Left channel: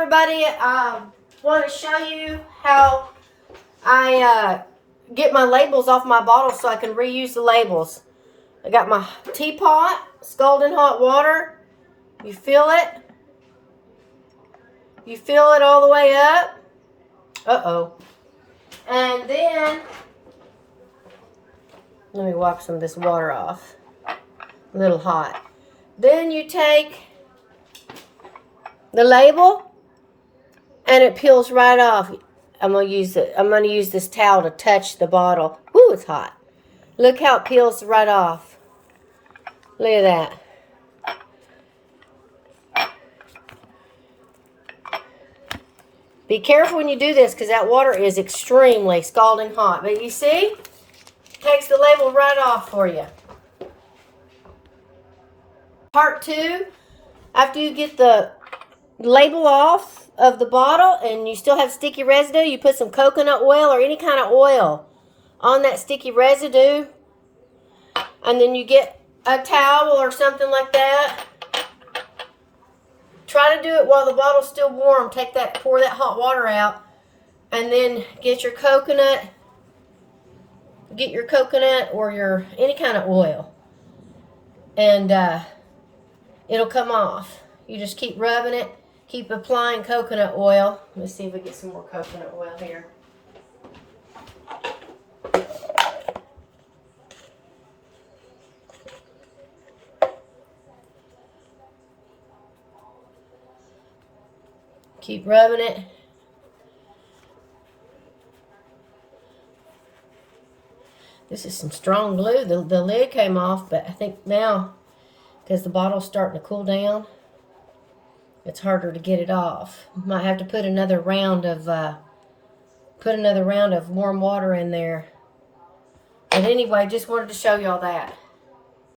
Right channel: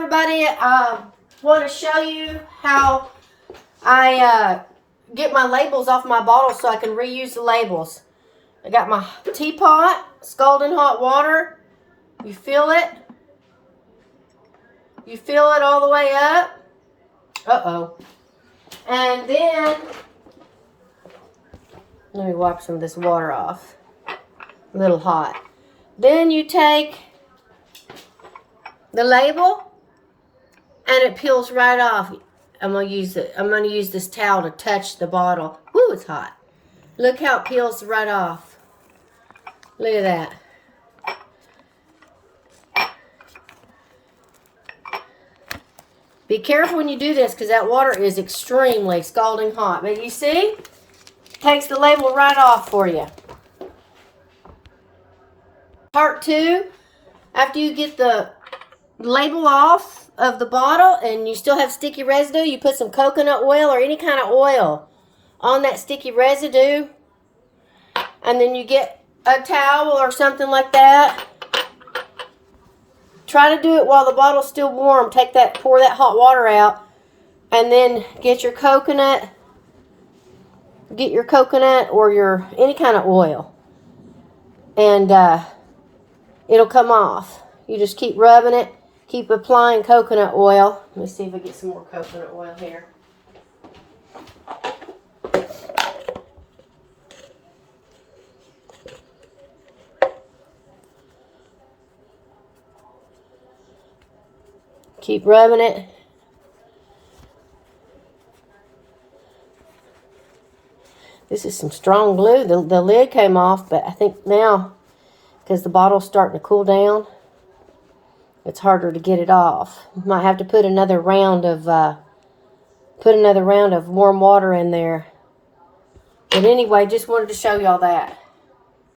everybody. I want to show you how I get my labels off my bottles so I can reuse the labels. I got my teapot, scalding hot water. You feel it? You feel it all the way up? Uh-oh. And then, let me wipe some of this water off. A little hot. Then you take the label and it peels right off. I'm gonna use this towel to touch the bottle. Woo, it's hot. Look how it peels right off. Look at that. Be careful when you do this because that water is extremely scalding hot. But you see, takes the label right off for you. Part 2, after you get the label off of the bottle and you still have sticky residue, you put some coconut oil or any kind of oil on that sticky residue. And then you get a towel or something like that. Try to do it while the bottle's still warm. Pour that hot water out. And then get your coconut. Get your coconut or your any kind of oil. And it'll come off. You just keep rubbing it. Keep applying coconut oil. Let me see if we get some more coconut oil here. Keep rubbing it. This is some strong glue. The lid came off, but I think now, because the bottle's starting to cool down, it's harder to get it off. Might have to put another round of warm water in there. But anyway, just wanted to show y'all that.